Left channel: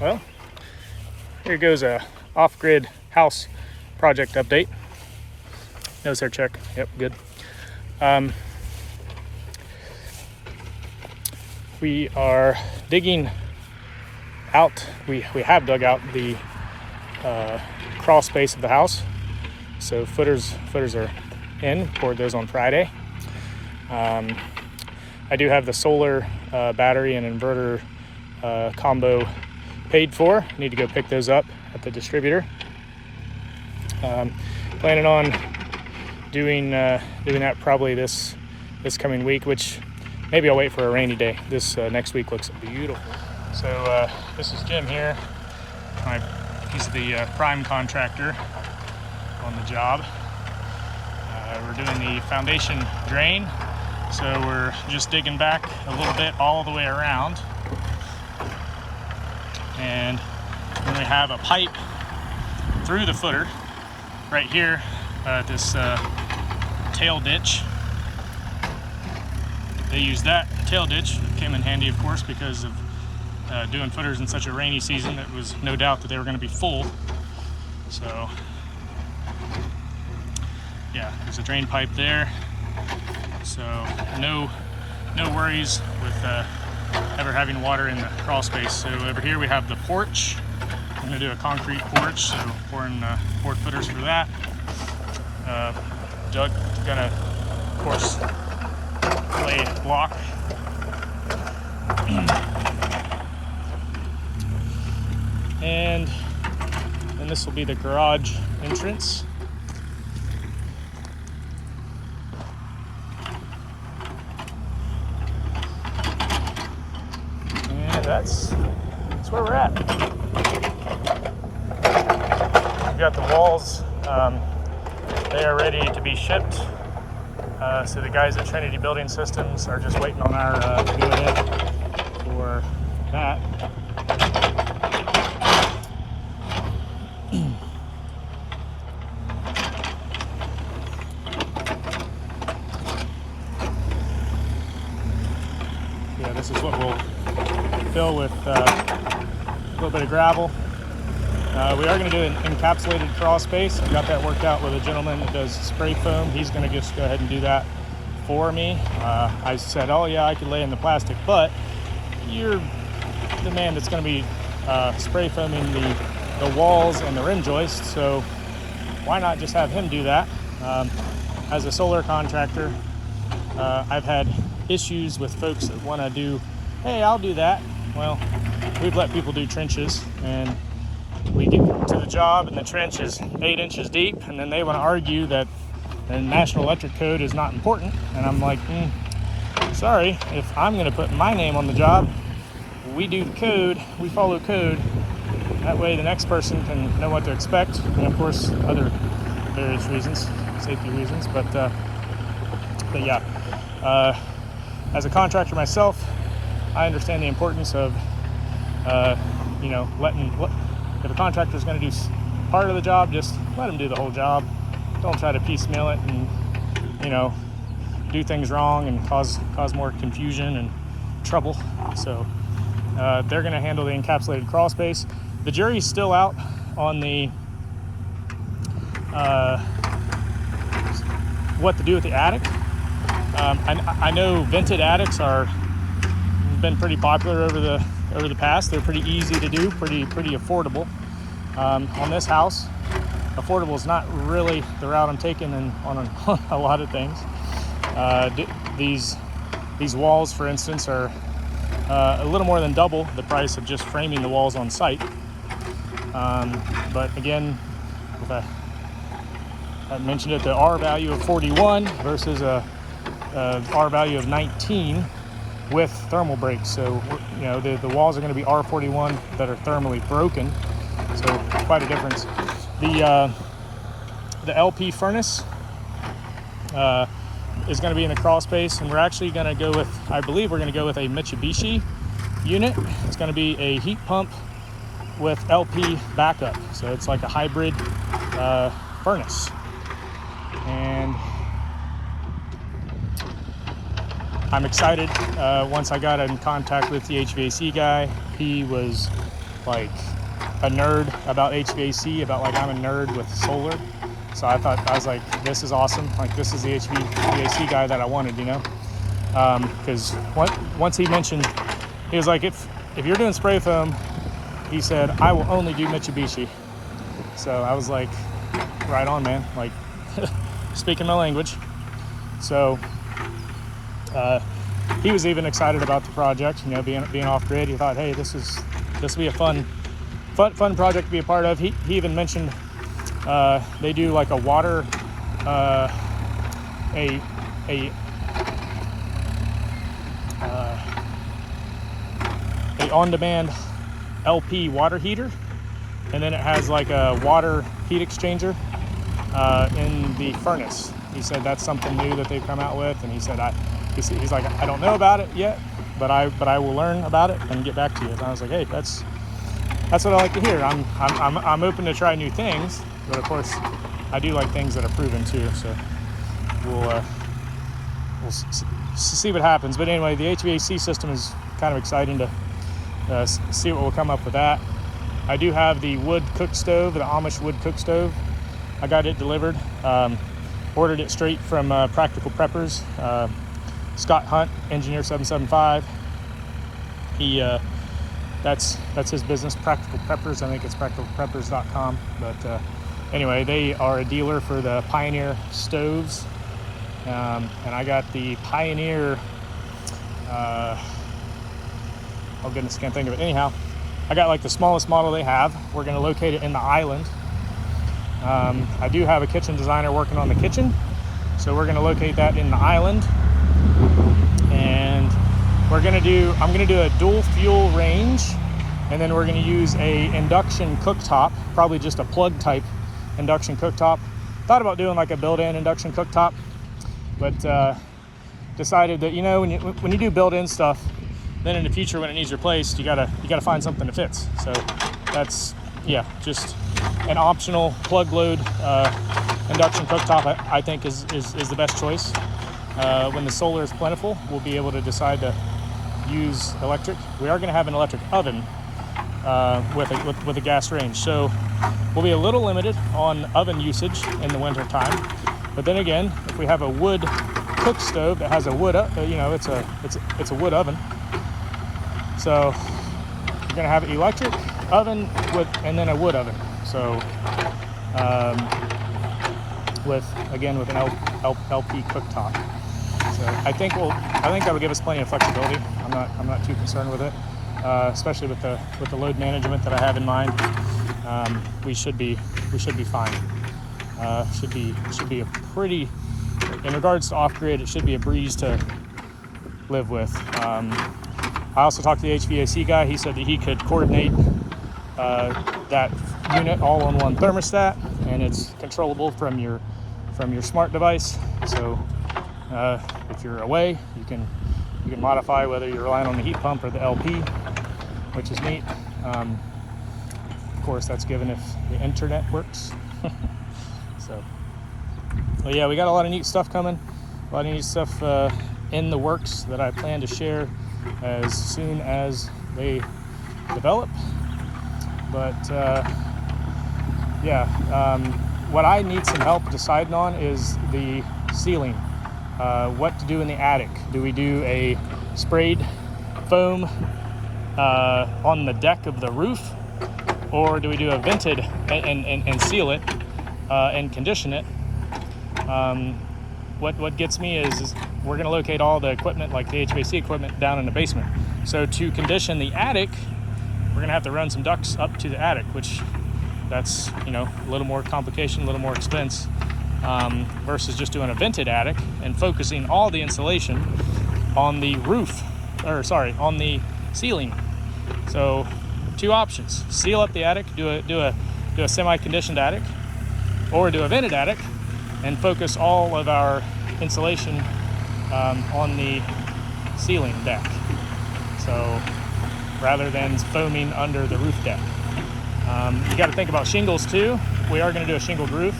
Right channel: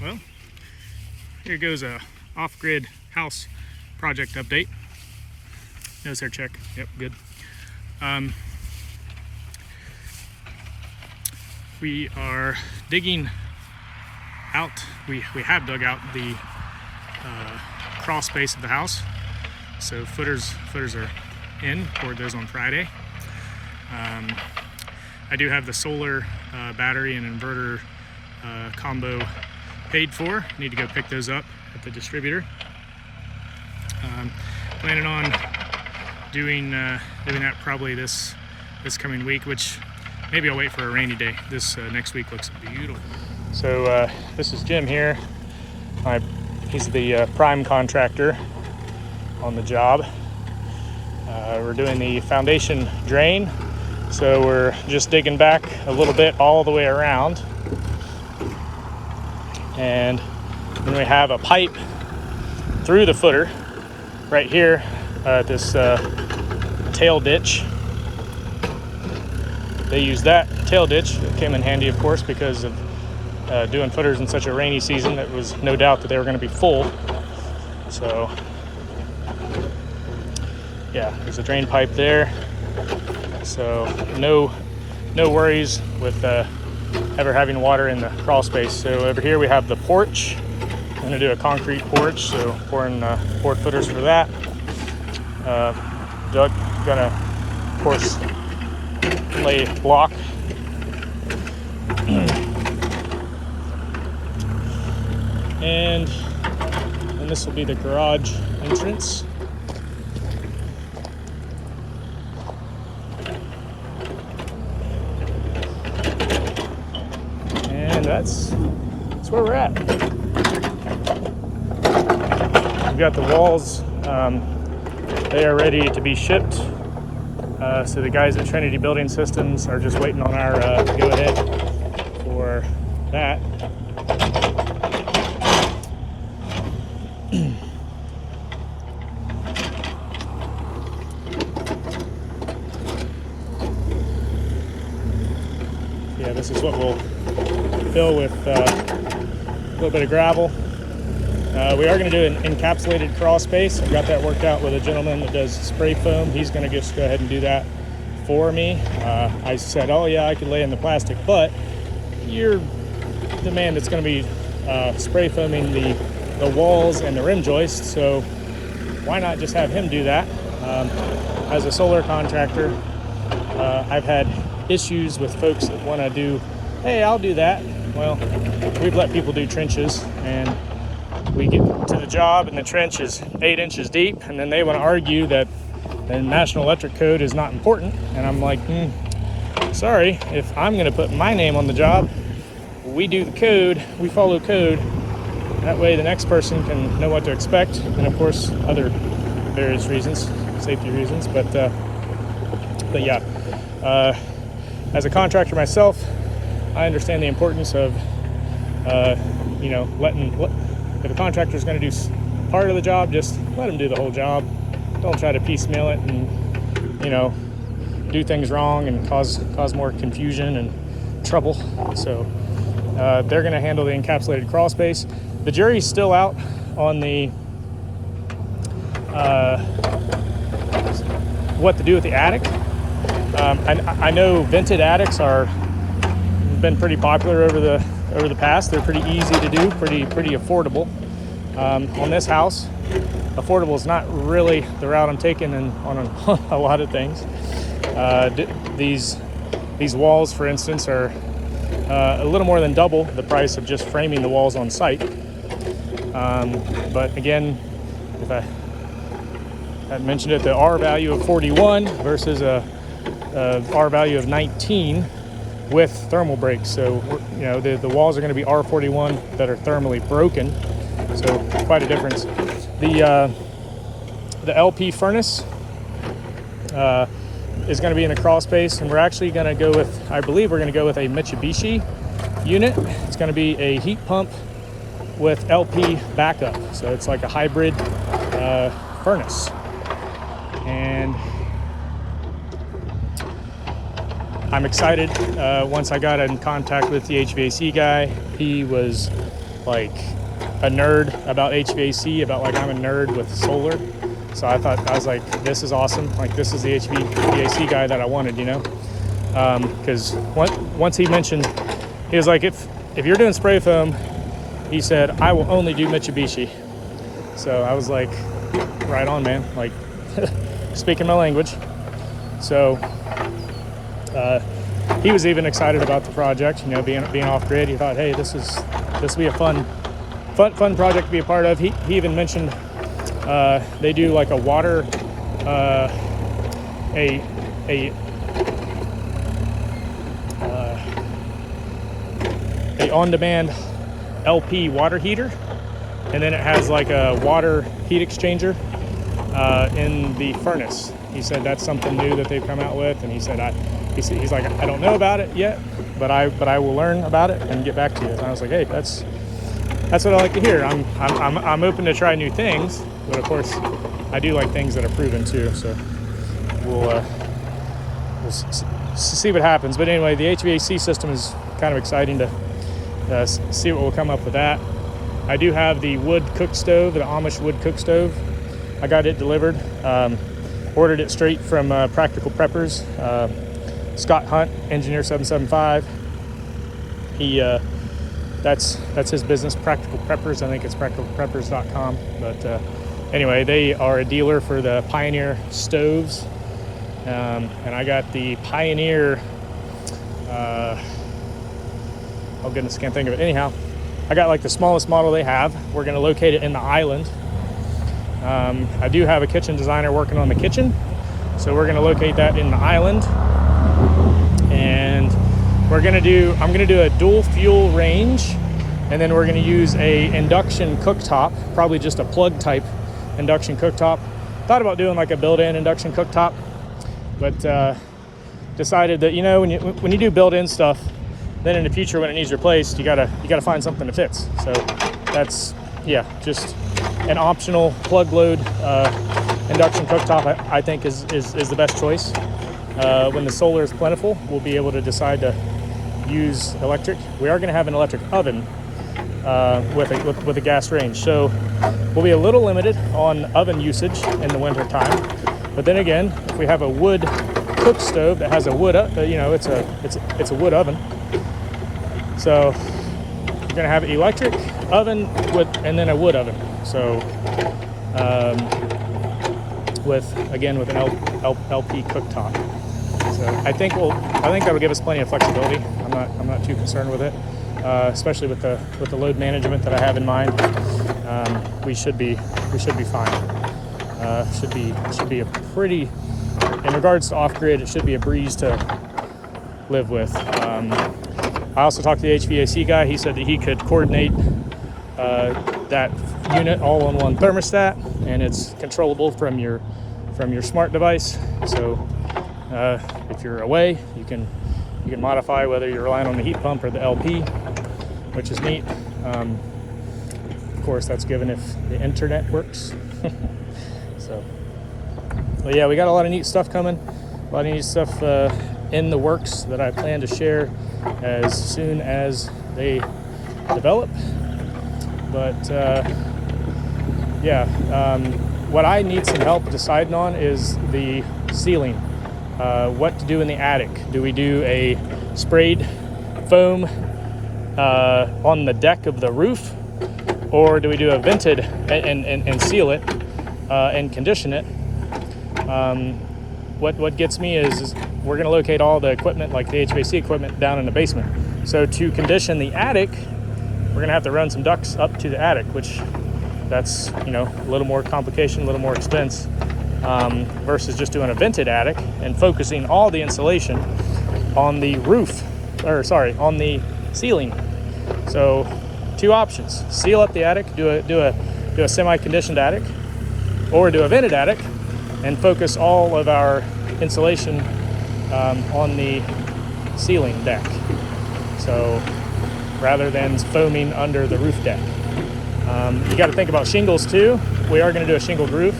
Well, here goes a off-grid house project update. Nose hair check. Yep, good. We are digging out. We have dug out the crawl space of the house. So footers are in. Poured those on Friday. I do have the solar battery and inverter combo paid for. Need to go pick those up at the distributor. Planning on doing that probably this coming week, which maybe I'll wait for a rainy day. This next week looks beautiful. So this is Jim here. This is the prime contractor on the job. We're doing the foundation drain. So we're just digging back a little bit all the way around. And I'm gonna have a pipe through the footer right here at this tail ditch. They use that tail ditch. It came in handy, of course, because of doing footers in such a rainy season. It was no doubt that they were going to be full. So yeah, there's a drain pipe there. So no worries with ever having water in the crawl space. So over here we have the porch. I'm going to do a concrete porch, so pouring footers for that. Doug gonna, of course, lay block. And this will be the garage entrance. And that's where we're at. We've got the walls. They are ready to be shipped. So the guys at Trinity Building Systems are just waiting on our go-ahead for that. Yeah, this is what we'll fill with a little bit of gravel. We are going to do an encapsulated crawl space. I've got that worked out with a gentleman that does spray foam. He's going to just go ahead and do that for me. I said, oh yeah, I could lay in the plastic, but you're the man that's going to be spray foaming the walls and the rim joists, so why not just have him do that? As a solar contractor, I've had issues with folks that want to do, hey, I'll do that. Well, we've let people do trenches, and we get to the job and the trench is 8 inches deep, and then they want to argue that the National Electric Code is not important. And I'm like, sorry, if I'm going to put my name on the job, we do the code, we follow code. That way the next person can know what to expect, and of course other various reasons, safety reasons. But yeah, as a contractor myself, I understand the importance of if a contractor is going to do part of the job, just let him do the whole job. Don't try to piecemeal it and do things wrong and cause more confusion and trouble. So they're going to handle the encapsulated crawl space. The jury's still out on the what to do with the attic. I know vented attics been pretty popular over the past. They're pretty easy to do, pretty affordable. On this house, affordable is not really the route I'm taking on a lot of things. These walls, for instance, are a little more than double the price of just framing the walls on site. But again, if I mentioned it, the R value of 41 versus a R value of 19 with thermal breaks. So the walls are going to be R41 that are thermally broken. So quite a difference. The LP furnace is going to be in the crawl space, and we're actually going to go with, I believe we're going to go with a Mitsubishi unit. It's going to be a heat pump with LP backup. So it's like a hybrid furnace. And I'm excited. Once I got in contact with the HVAC guy, he was like a nerd about HVAC, about like I'm a nerd with solar. So I was like, this is awesome. Like this is the HVAC guy that I wanted, you know? Because once he mentioned, he was like, if you're doing spray foam, he said, I will only do Mitsubishi. So I was like, right on, man. Like speaking my language. So he was even excited about the project, you know, being off grid. He thought, hey, this will be a fun project to be a part of. He even mentioned they do like a water a on-demand LP water heater, and then it has like a water heat exchanger in the furnace. He said that's something new that they've come out with, and he said he's like, I don't know about it yet, but I will learn about it and get back to you. And I was like, hey, that's what I like to hear. I'm open to try new things, but of course I do like things that are proven too. So we'll see what happens. But anyway, the HVAC system is kind of exciting to see what will come up with that. I do have the wood cook stove, the Amish wood cook stove. I got it delivered. Ordered it straight from Practical Preppers. Scott Hunt, Engineer 775. That's his business, Practical Preppers. I think it's practicalpreppers.com. But anyway, they are a dealer for the Pioneer stoves. And I got the Pioneer, oh goodness, can't think of it. Anyhow, I got like the smallest model they have. We're going to locate it in the island. I do have a kitchen designer working on the kitchen, so we're going to locate that in the island. And I'm going to do a dual fuel range, and then we're going to use a induction cooktop, probably just a plug type induction cooktop. Thought about doing like a built-in induction cooktop, but decided that, you know, when you do built-in stuff, then in the future when it needs replaced, you gotta find something that fits. So that's, yeah, just an optional plug load induction cooktop. I think is the best choice. When the solar is plentiful, we'll be able to decide to use electric. We are going to have an electric oven with a gas range, so we'll be a little limited on oven usage in the winter time. But then again, if we have a wood cook stove that has a wood, you know, it's a wood oven. So you're going to have an electric oven and then a wood oven. So with an LP cooktop. So I think that'll give us plenty of flexibility. I'm not too concerned with it, especially with the load management that I have in mind. We should be fine. Should be a pretty, in regards to off grid, it should be a breeze to live with. I also talked to the HVAC guy. He said that he could coordinate that unit all on one thermostat, and it's controllable from your smart device. So if you're away, you can modify whether you're relying on the heat pump or the LP, which is neat. Of course, that's given if the internet works. So, but yeah, we got a lot of neat stuff coming. A lot of neat stuff in the works that I plan to share as soon as they develop. But what I need some help deciding on is the ceiling. What to do in the attic. Do we do a sprayed foam on the deck of the roof, or do we do a vented and seal it and condition it? What gets me is we're going to locate all the equipment, like the HVAC equipment, down in the basement. So to condition the attic, we're going to have to run some ducts up to the attic, which that's, you know, a little more complication, a little more expense, versus just doing a vented attic and focusing all the insulation on the roof, on the ceiling. So two options: seal up the attic, do a semi-conditioned attic, or do a vented attic and focus all of our insulation on the ceiling deck. So rather than foaming under the roof deck. You got to think about shingles too. We are going to do a shingled roof.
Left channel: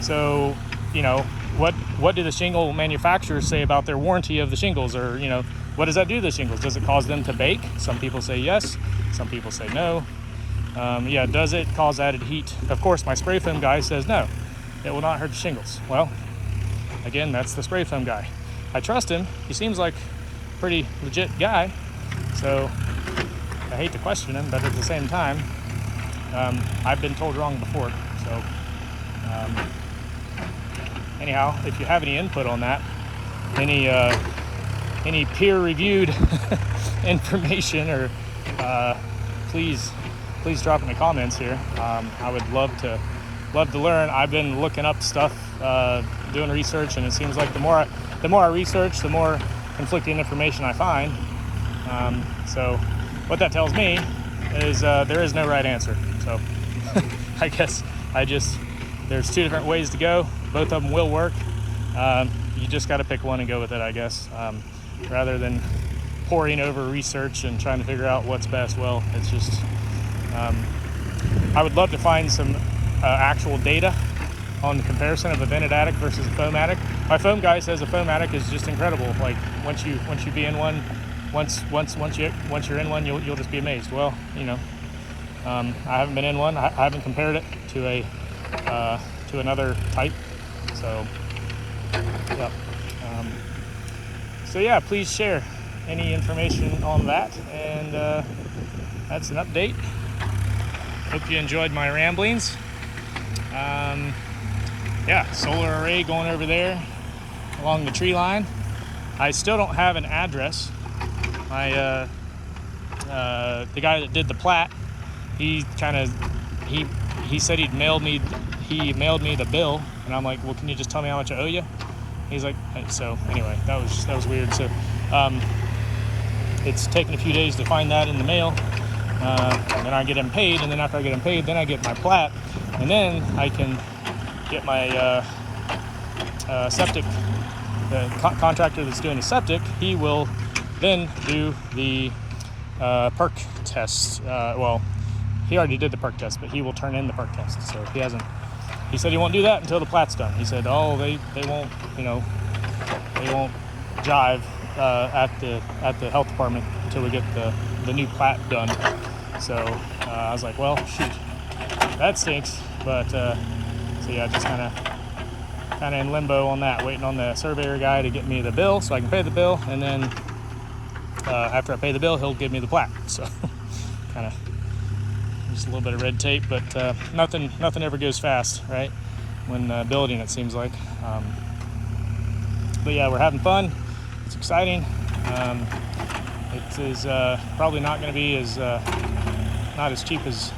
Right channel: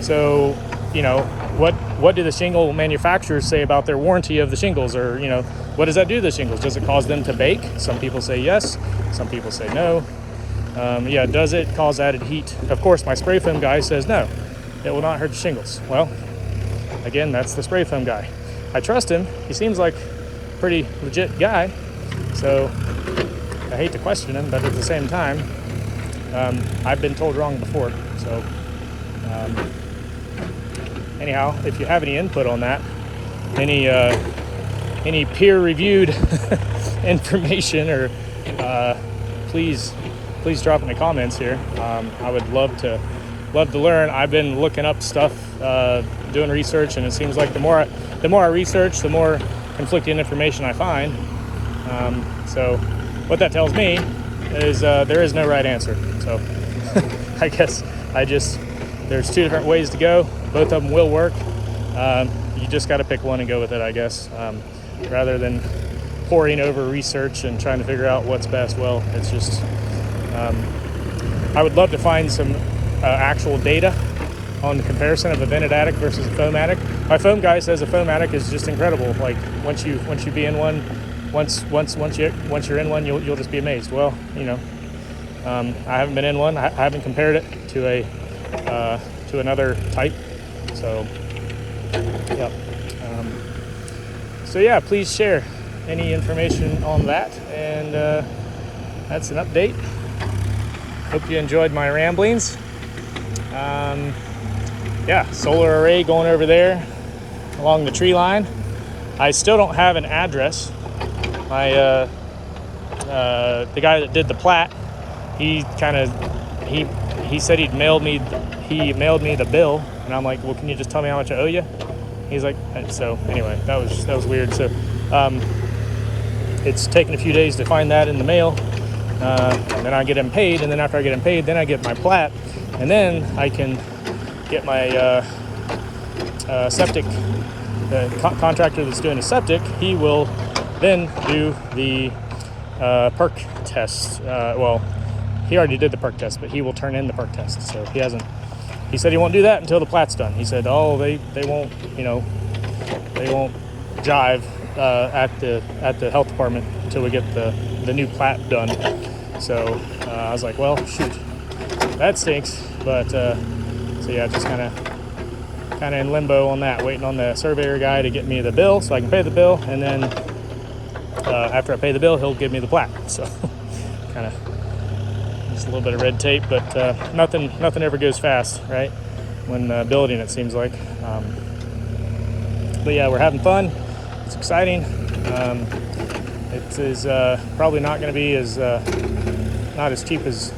So, you know, what do the shingle manufacturers say about their warranty of the shingles? Or, you know, what does that do to the shingles? Does it cause them to bake? Some people say yes, some people say no. Yeah, does it cause added heat? Of course, my spray foam guy says no, it will not hurt the shingles. Well, again, that's the spray foam guy. I trust him. He seems like a pretty legit guy, so I hate to question him, but at the same time, I've been told wrong before. So anyhow, if you have any input on that, any peer-reviewed information, or please drop in the comments here. I would love to learn. I've been looking up stuff, doing research, and it seems like the more I research, the more conflicting information I find. So what that tells me is there is no right answer. So I guess there's two different ways to go. Both of them will work. You just got to pick one and go with it, I guess, rather than poring over research and trying to figure out what's best. Well, it's just I would love to find some actual data on the comparison of a vented attic versus a foam attic. My foam guy says a foam attic is just incredible. Like once you be in one, once you're in one, you'll just be amazed. Well, you know, I haven't been in one. I haven't compared it to another type. So yeah. So yeah, please share any information on that, and that's an update. Hope you enjoyed my ramblings. Yeah, solar array going over there along the tree line. I still don't have an address. My the guy that did the plat, he said he mailed me the bill, and I'm like, well, can you just tell me how much I owe you? He's like, so anyway, that was weird. So it's taken a few days to find that in the mail, and then I get him paid, and then after I get him paid, then I get my plat, and then I can get my septic. The contractor that's doing the septic, he will then do the perk test. Well, he already did the perk test, but he will turn in the perk test. So he said he won't do that until the plat's done. He said, oh, they won't, they won't jive at the health department until we get the new plat done. So I was like, well, shoot, that stinks. But so yeah, just kind of in limbo on that, waiting on the surveyor guy to get me the bill so I can pay the bill, and then after I pay the bill, he'll give me the plat. So kind of just a little bit of red tape, but nothing ever goes fast, right? When building, it seems like. But yeah, we're having fun. It's exciting. It is probably not going to be not as cheap as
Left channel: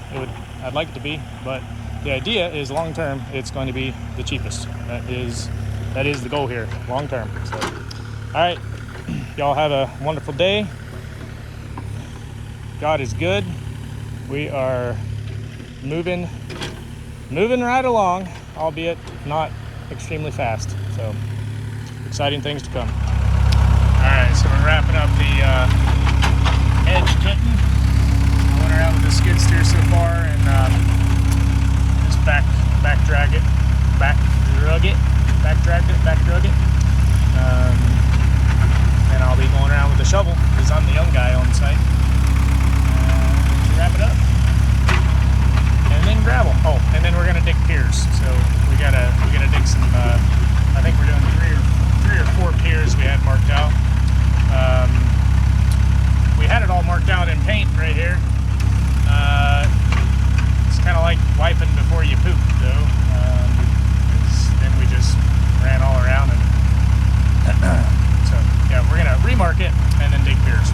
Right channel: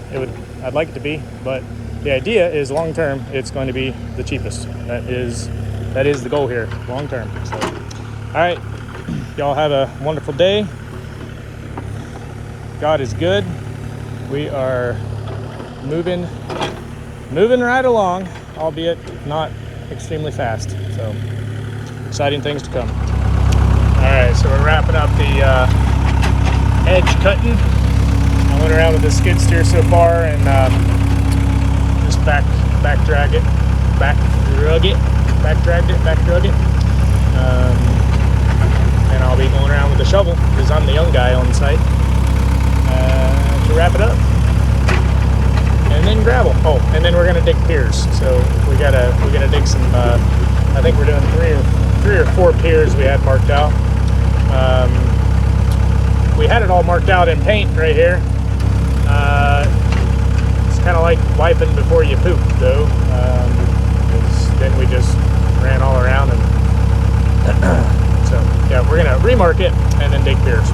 I'd like it to be, but the idea is long term it's going to be the cheapest. That is the goal here, long term. So, all right, y'all have a wonderful day. God is good. We are moving right along, albeit not extremely fast. So exciting things to come. All right, so we're wrapping up the edge cutting. I went around with the skid steer so far, and just back dragged it. And I'll be going around with the shovel because I'm the young guy on site to wrap it up. And then gravel. Oh, and then we're gonna dig piers. So we gotta dig some. I think we're doing three or four piers we had marked out. We had it all marked out in paint right here. It's kind of like wiping before you poop, though. Then we just ran all around, and so yeah, we're gonna remark it and then dig piers.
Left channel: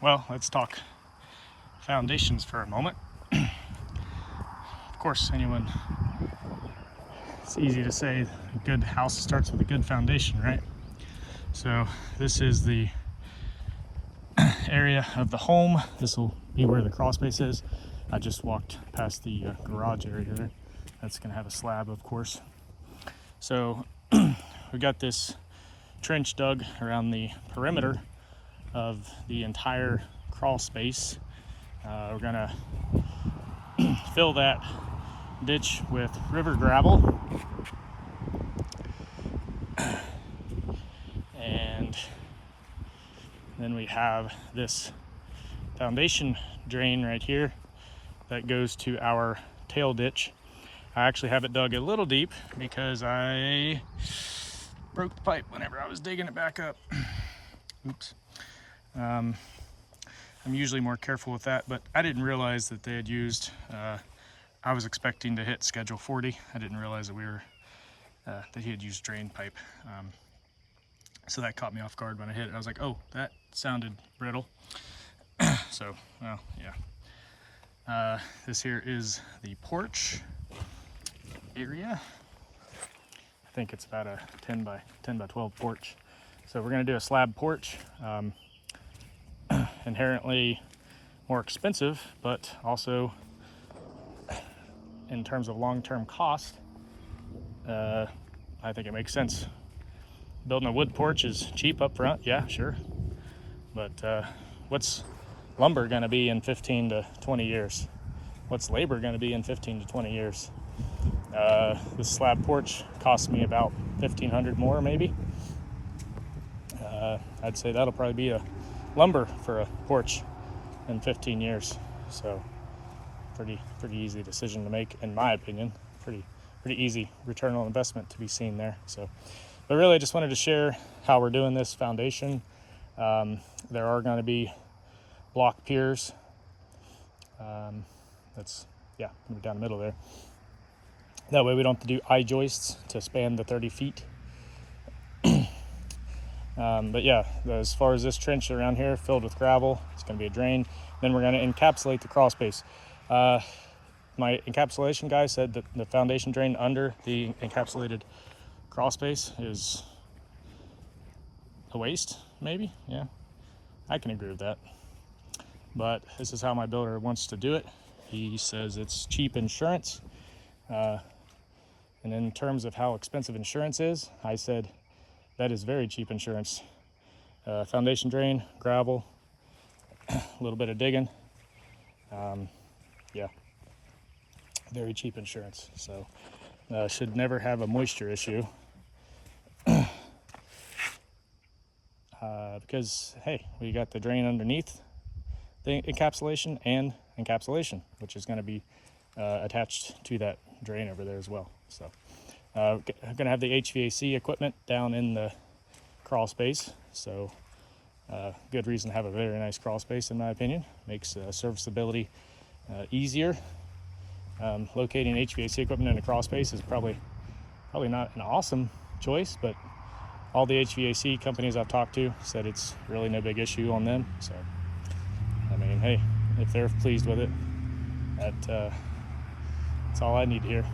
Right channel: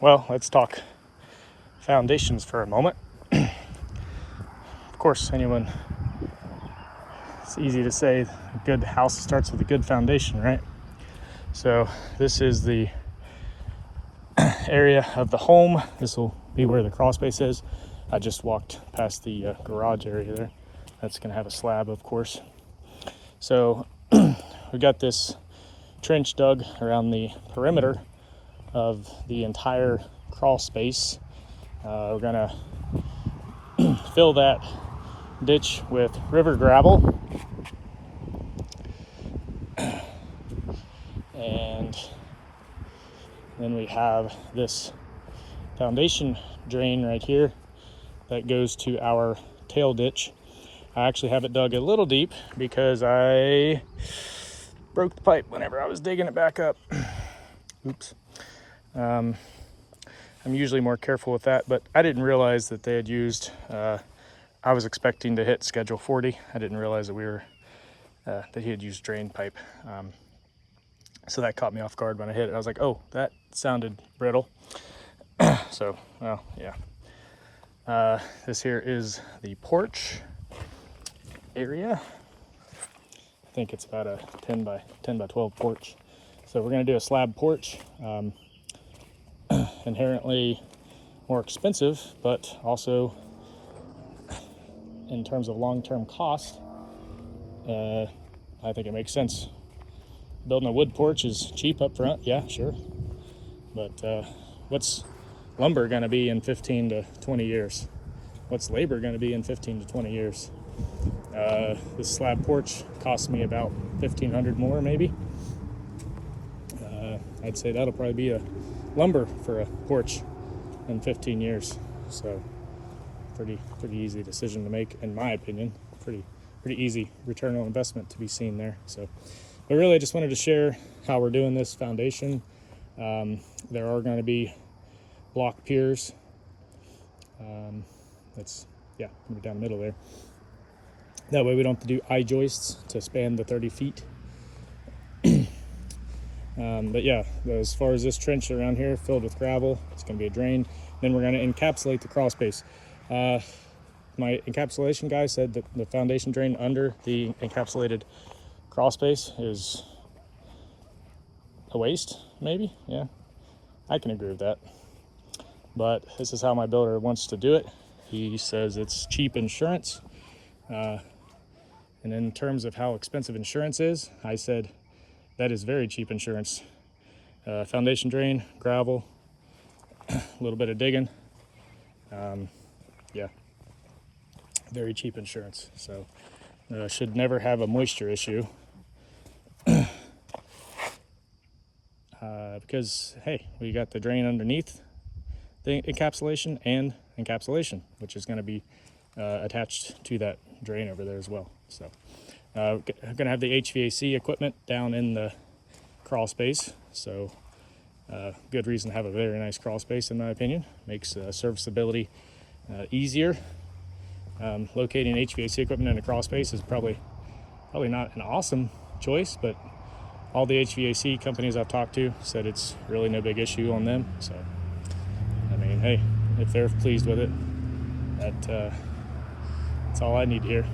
Well, let's talk foundations for a moment. Of course, it's easy to say a good house starts with a good foundation, right? So this is the area of the home. This will be where the crawl space is. I just walked past the garage area there. That's gonna have a slab, of course. So we got this trench dug around the perimeter of the entire crawl space. We're gonna fill that ditch with river gravel, and then we have this foundation drain right here that goes to our tail ditch. I actually have it dug a little deep because I broke the pipe whenever I was digging it back up. Oops. I'm usually more careful with that, but I didn't realize that they had used, I was expecting to hit schedule 40. I didn't realize that that he had used drain pipe. So that caught me off guard when I hit it. I was like, oh, that sounded brittle. So, well, yeah. This here is the porch area. I think it's about a 10 by 12 porch. So we're going to do a slab porch. Inherently more expensive, but also in terms of long-term cost, I think it makes sense. Building a wood porch is cheap up front, yeah, sure. But what's lumber going to be in 15 to 20 years? What's labor going to be in 15 to 20 years? This slab porch cost me about $1,500 more, maybe. I'd say that'll probably be a lumber for a porch in 15 years. So pretty easy decision to make, in my opinion. Pretty easy return on investment to be seen there. So, but really, I just wanted to share how we're doing this foundation. There are going to be block piers. That's going to be down the middle there. That way we don't have to do eye joists to span the 30 feet. But yeah, as far as this trench around here filled with gravel, it's going to be a drain. Then we're going to encapsulate the crawl space. My encapsulation guy said that the foundation drain under the encapsulated crawl space is a waste, maybe. Yeah, I can agree with that. But this is how my builder wants to do it. He says it's cheap insurance. And in terms of how expensive insurance is, I said that is very cheap insurance. Foundation drain, gravel, a little bit of digging. Yeah, very cheap insurance. So should never have a moisture issue. Because, hey, we got the drain underneath the encapsulation and encapsulation, which is going to be attached to that drain over there as well. So I'm going to have the HVAC equipment down in the crawl space. So good reason to have a very nice crawl space, in my opinion. Makes serviceability easier. Locating HVAC equipment in a crawl space is probably not an awesome choice, but all the HVAC companies I've talked to said it's really no big issue on them. So, I mean, hey, if they're pleased with it, that's all I need here.